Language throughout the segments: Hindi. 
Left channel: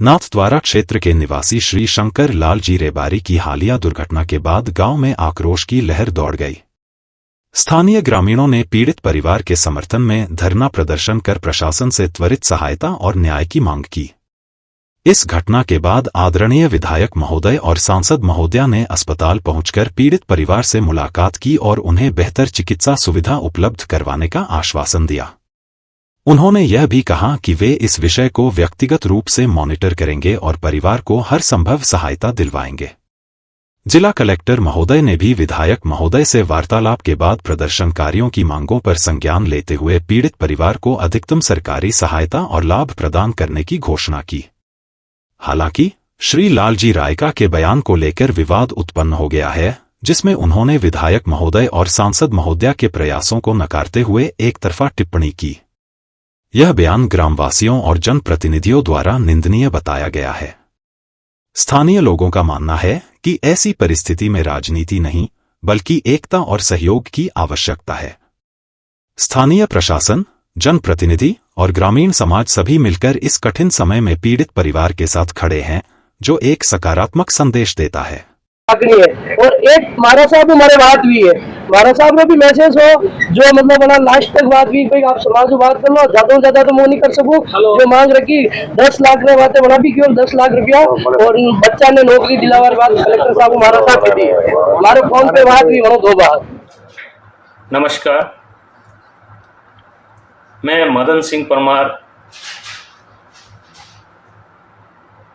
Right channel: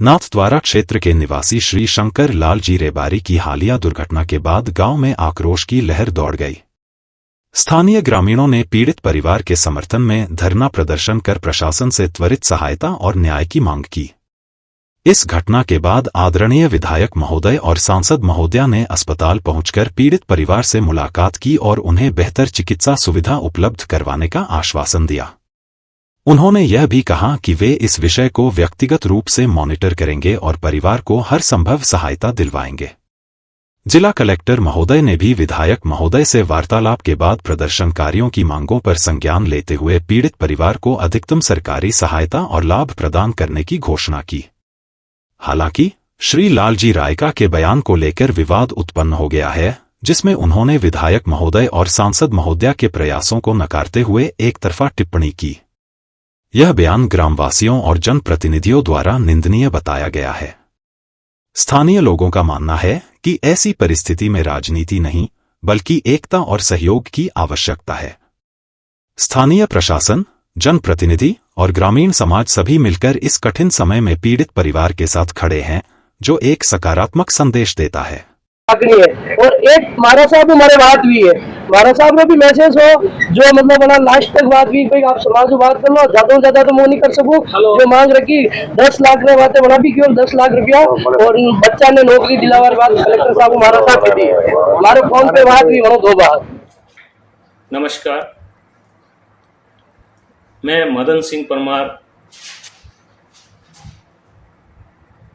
नाथद्वारा क्षेत्र के निवासी श्री शंकर लाल जी रेबारी की हालिया दुर्घटना के बाद गांव में आक्रोश की लहर दौड़ गई। स्थानीय ग्रामीणों ने पीड़ित परिवार के समर्थन में धरना प्रदर्शन कर प्रशासन से त्वरित सहायता और न्याय की मांग की। इस घटना के बाद आदरणीय विधायक महोदय और सांसद महोदया ने अस्पताल पहुंचकर पीड़ित परिवार से मुलाकात की और उन्हें बेहतर चिकित्सा सुविधा उपलब्ध करवाने का आश्वासन दिया। उन्होंने यह भी कहा कि वे इस विषय को व्यक्तिगत रूप से मॉनिटर करेंगे और परिवार को हर संभव सहायता दिलवाएंगे। जिला कलेक्टर महोदय ने भी विधायक महोदय से वार्तालाप के बाद प्रदर्शनकारियों की मांगों पर संज्ञान लेते हुए पीड़ित परिवार को अधिकतम सरकारी सहायता और लाभ प्रदान करने की घोषणा की। हालांकि श्री लालजी रायका के बयान को लेकर विवाद उत्पन्न हो गया है, जिसमें उन्होंने विधायक महोदय और सांसद महोदया के प्रयासों को नकारते हुए एकतरफा टिप्पणी की। यह बयान ग्रामवासियों और जनप्रतिनिधियों द्वारा निंदनीय बताया गया है। स्थानीय लोगों का मानना है कि ऐसी परिस्थिति में राजनीति नहीं, बल्कि एकता और सहयोग की आवश्यकता है। स्थानीय प्रशासन, जनप्रतिनिधि और ग्रामीण समाज सभी मिलकर इस कठिन समय में पीड़ित परिवार के साथ खड़े हैं, जो एक सकारात्मक संदेश देता है। और एक महाराज साहब हमारे बात भी है, महाराज साहब ने भी मैसेज हो जो मतलब बड़ा लास्ट तक बात भी भाई आप समाज बात कर लो, ज्यादा तो मैं नहीं कर सकूं। जो मांग रखी 10 लाख में बातें बड़ा भी क्यों 10 लाख रुपया और बच्चा ने नौकरी दिलावर बात कलेक्टर साहब महाराज साहब की दी। हमारे फोन पे बात भी बनो 2 बार। नमस्कार, मैं मदन सिंह परमार,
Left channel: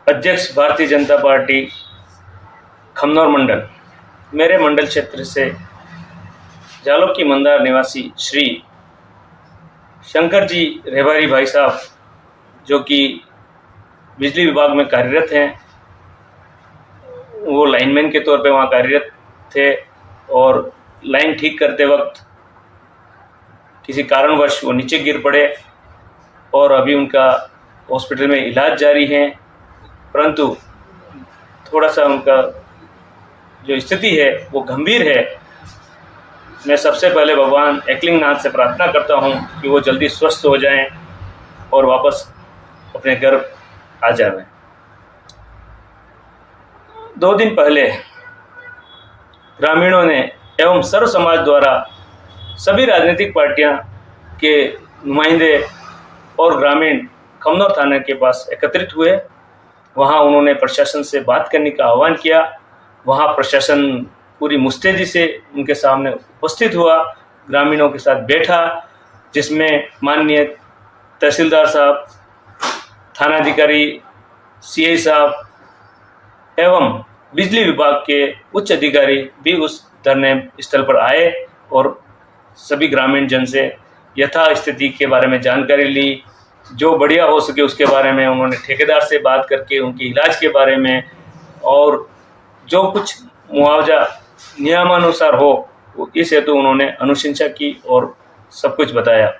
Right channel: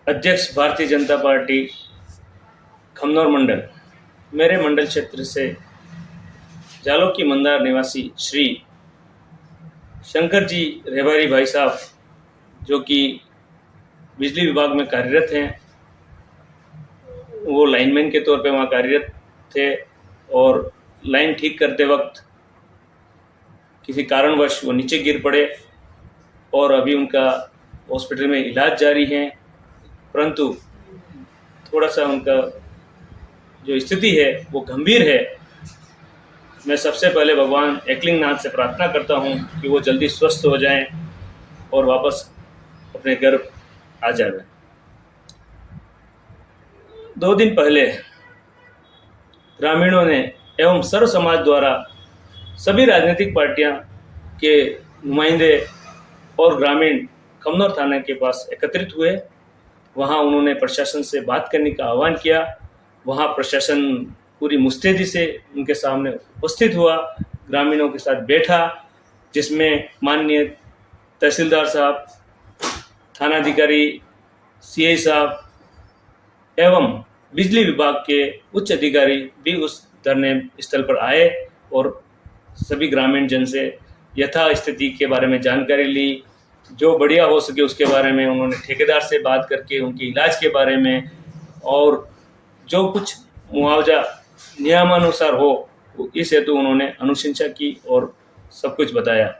अध्यक्ष भारतीय जनता पार्टी खमनौर मंडल। मेरे मंडल क्षेत्र से जालों की मंदार निवासी श्री शंकर जी रेबारी भाई साहब, जो कि बिजली विभाग में कार्यरत हैं, वो लाइनमैन के तौर पे वहाँ कार्यरत थे और लाइन ठीक करते वक्त किसी कारणवश वो नीचे गिर पड़े और अभी उनका हॉस्पिटल में इलाज जारी है। परंतु थोड़ा सा उनका जो स्थिति है वो गंभीर है। मैं सबसे पहले भगवान एकलिंगनाथ से प्रार्थना करता हूँ कि वो जल्दी स्वस्थ हो जाएं और वापस अपने घर आ जाएं। 2 दिन पहले ग्रामीणों ने एवं सर्व समाज द्वारा सभी राजनीतिक पार्टियां के नुमाइंदे और ग्रामीण खमनौर थाने के पास एकत्रित हुए। वहां उन्होंने प्रशासन से बात करने का आह्वान किया। वहां प्रशासन पूरी मुस्तैदी से उनके सामने उपस्थित हुआ, ग्रामीणों के साथ बैठा, जिसमें माननीय तहसीलदार साहब, थानाधिकारी, सीआई साहब एवं बिजली विभाग के उच्च अधिकारी भी उस धरने स्थल पर आए और सभी ग्रामीण जन से यथा स्थिति के बारे में जानकारी ली। जो बढ़िया हो सके उसके बारे में उन्होंने ठेकेदार से बात करके उनके इलाज के बारे में और जो कुछ मुआवजा नियमानुसार हो इस हेतु उन्होंने अनुशंसा की और सब कुछ बताया।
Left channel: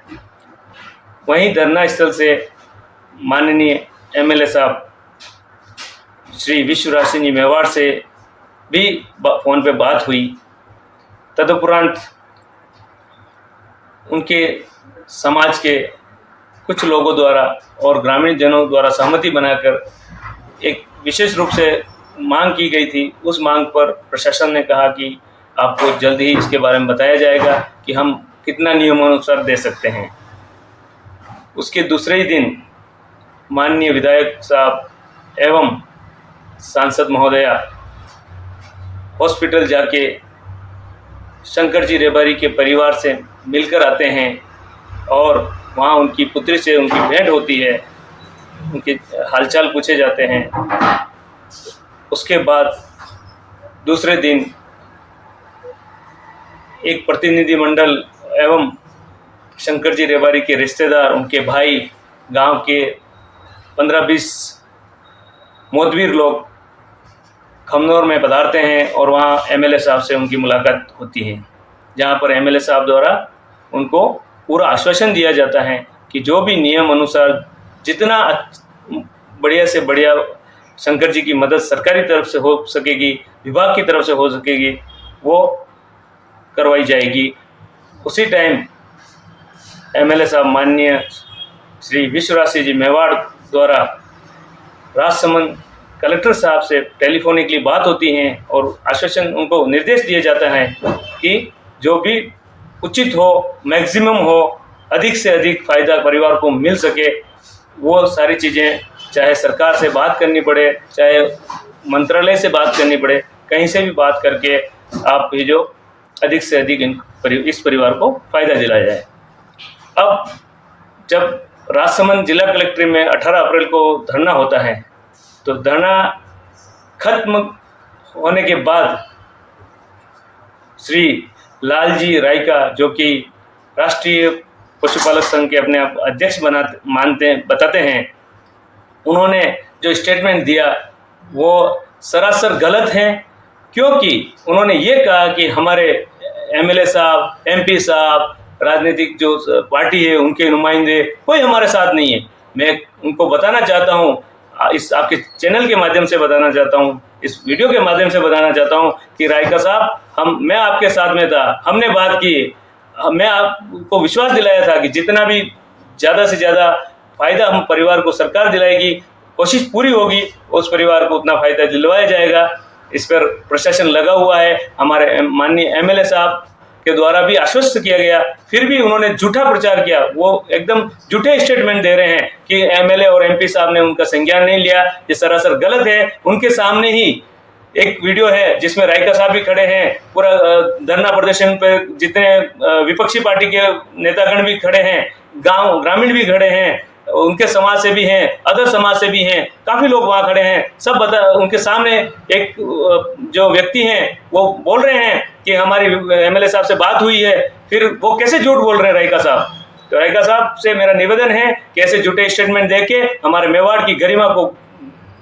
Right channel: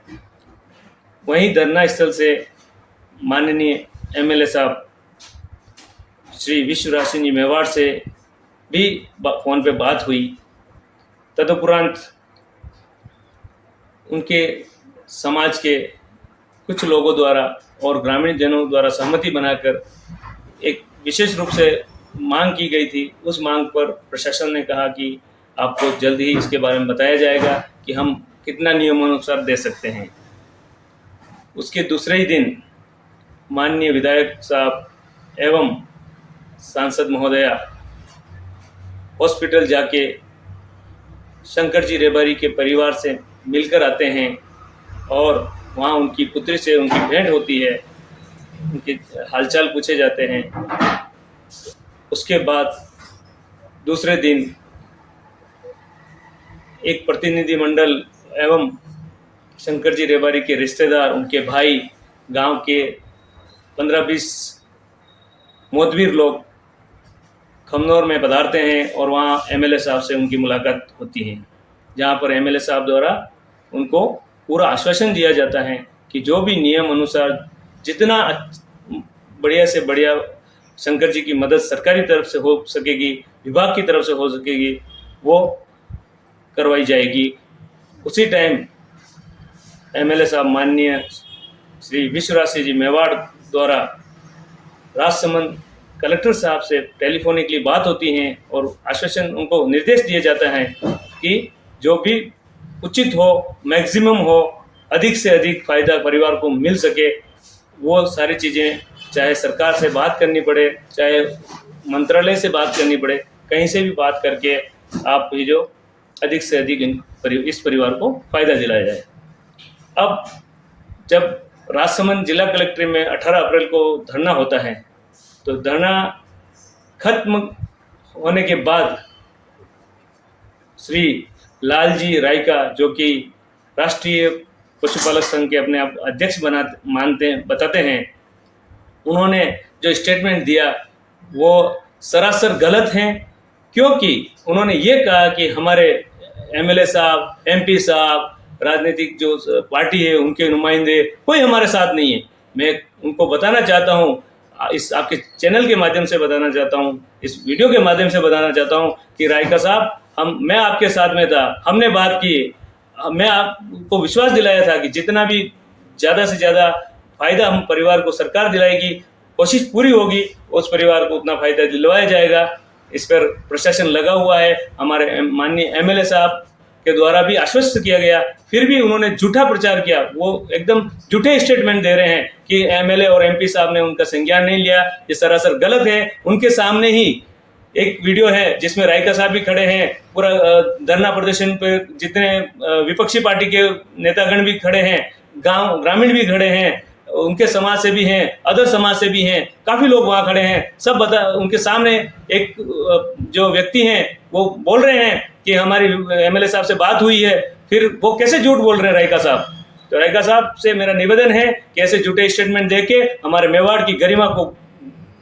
वहीं धरना स्थल से माननीय एमएलए साहब श्री विश्वराज सिंह जी मेवाड़ से भी फोन पे बात हुई। तदुपरांत उनके समाज के कुछ लोगों द्वारा और ग्रामीण जनों द्वारा सहमति बनाकर एक विशेष रूप से मांग की गई थी। उस मांग पर प्रशासन ने कहा कि आपको जल्द ही इसके बारे में बताया जाएगा कि हम कितना नियमानुसार दे सकते हैं। उसके दूसरे ही दिन माननीय विधायक साहब एवं सांसद महोदया हॉस्पिटल जाके शंकर जी रेबारी के परिवार से मिलकर आते हैं और वहाँ उनकी पुत्री से उनकी भेंट होती है, उनके हालचाल पूछे जाते हैं। उसके बाद दूसरे दिन एक प्रतिनिधि मंडल एवं शंकर जी रेबारी के रिश्तेदार, उनके भाई, गांव के 15-20 मोतबीर लोग खमनौर में पधारते हैं और वहाँ एमएलए साहब से उनकी मुलाकात होती है, जहाँ पर एमएलए साहब द्वारा उनको पूरा आश्वासन दिया जाता है कि जो भी नियम अनुसार जितना बढ़िया से बढ़िया शंकर जी की मदद सरकारी तरफ से हो सकेगी, विभाग की तरफ से हो सकेगी, वो करवाई जाएगी। उसी टाइम एमएलए साहब माननीय श्री विश्वराज सिंह जी मेवाड़ द्वारा राजसमंद कलेक्टर साहब से टेलीफोनिकली बात होती हैं और आश्वासन उनको निर्देश दिया जाता है कि जो भी उचित हो, मैक्सिमम हो, अधिक से अधिक फ़ायदा परिवार को मिल सके, वो सारी चीज़ें चाहे सरकार से बात करनी पड़े, चाहे मंत्रालय से बात करनी पड़े, कहीं से भी बात करके आप ये जो अधिक से अधिक इस परिवार को फ़ायदा दिलाया जाए। अब जब राजसमंद जिला कलेक्ट्रेट में 18 अप्रैल को धरना होता है, तो धरना खत्म होने के बाद श्री लालजी रायका, जो कि राष्ट्रीय पशुपालक संघ के अपने आप अध्यक्ष बताते हैं, उन्होंने जो स्टेटमेंट दिया वो सरासर गलत है, क्योंकि उन्होंने ये कहा कि हमारे एमएलए साहब, एमपी साहब, राजनीतिक जो पार्टी है उनके नुमाइंदे कोई हमारे साथ नहीं है। मैं उनको बताना चाहता हूँ, इस आपके चैनल के माध्यम से बताना चाहता हूँ, इस वीडियो के माध्यम से बताना चाहता हूँ कि रायका साहब, मैं आपके साथ में था, हमने बात की, मैं आपको विश्वास दिलाया था कि जितना भी ज़्यादा से ज़्यादा फ़ायदा हम परिवार को सरकार दिलाएगी, कोशिश पूरी होगी, उस परिवार को उतना फ़ायदा दिलवाया जाएगा। इस पर प्रशासन लगा हुआ है। हमारे माननीय एमएलए साहब के द्वारा भी आश्वस्त किया गया, फिर भी उन्होंने झूठा प्रचार किया। वो एकदम झूठे स्टेटमेंट दे रहे हैं कि एमएलए और एमपी साहब ने उनका संज्ञान नहीं लिया। ये सरासर गलत है। उनके सामने ही एक वीडियो है जिसमें रायका साहब भी खड़े हैं, पूरा धरना प्रदर्शन पर जितने विपक्षी पार्टी के नेतागण भी खड़े हैं, गांव ग्रामीण भी खड़े हैं, उनके समाज से भी हैं, अदर समाज से भी हैं, काफ़ी लोग वहाँ खड़े हैं। सब उनके सामने एक जो व्यक्ति हैं वो बोल रहे हैं कि हमारी एमएलए साहब से बात हुई है, फिर वो कैसे झूठ बोल रहे हैं रायका साहब। तो रायका साहब से मेरा निवेदन है कि ऐसे झूठे स्टेटमेंट देके हमारे मेवाड़ की गरिमा को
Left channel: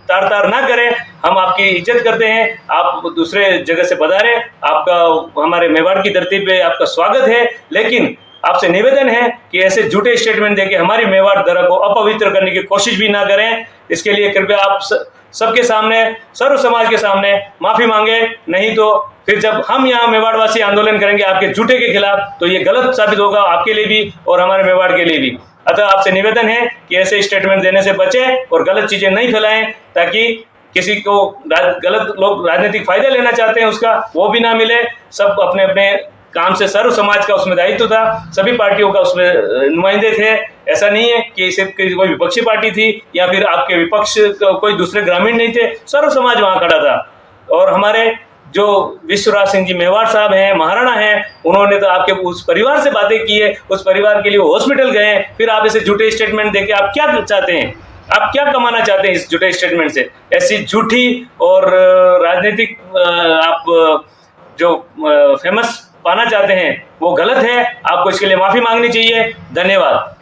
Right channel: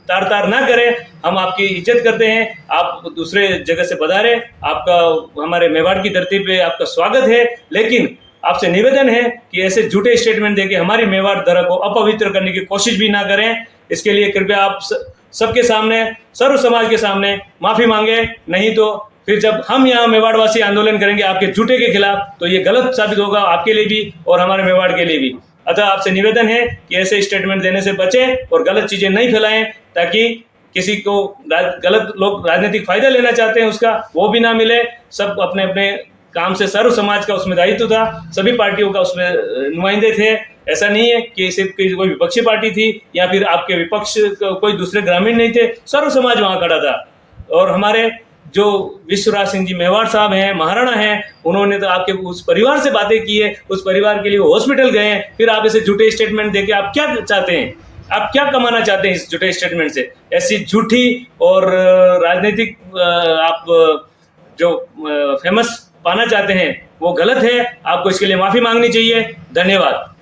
तार ना करें। हम आपकी इज्जत करते हैं, आप दूसरे जगह से पधारे, आपका हमारे मेवाड़ की धरती पे आपका स्वागत है, लेकिन आपसे निवेदन है कि ऐसे झूठे स्टेटमेंट देके हमारी मेवाड़ धरा को अपवित्र करने की कोशिश भी ना करें। इसके लिए कृपया आप सबके सामने, सर्व समाज के सामने माफ़ी मांगे, नहीं तो फिर जब हम यहाँ मेवाड़वासी आंदोलन करेंगे आपके झूठे के खिलाफ, तो ये गलत साबित होगा आपके लिए भी और हमारे मेवाड़ के लिए भी। अतः आपसे निवेदन है कि ऐसे स्टेटमेंट देने से बचें और गलत चीज़ें नहीं फैलाएं, ताकि किसी को गलत लोग राजनीतिक फायदा लेना चाहते हैं उसका वो भी ना मिले। सब अपने अपने काम से, सर्व समाज का उसमें दायित्व था, सभी पार्टियों का उसमें नुमाइंदे थे। ऐसा नहीं है कि सिर्फ कोई विपक्षी पार्टी थी या फिर आपके विपक्ष कोई दूसरे ग्रामीण नहीं थे, सर्व समाज वहाँ खड़ा था। और हमारे जो विश्वराज सिंह जी मेवाड़ साहब हैं, महाराणा हैं, उन्होंने तो आपके उस परिवार से बातें की है, उस परिवार के लिए हॉस्पिटल गए, फिर आप ऐसे झूठे स्टेटमेंट देके आप क्या चाहते हैं, आप क्या कमाना चाहते हैं इस झूठे स्टेटमेंट से? ऐसी झूठी और राजनीतिक आप जो फेमस पाना चाहते हैं वो गलत है। आपको इसके लिए माफ़ी मांगनी चाहिए। धन्यवाद।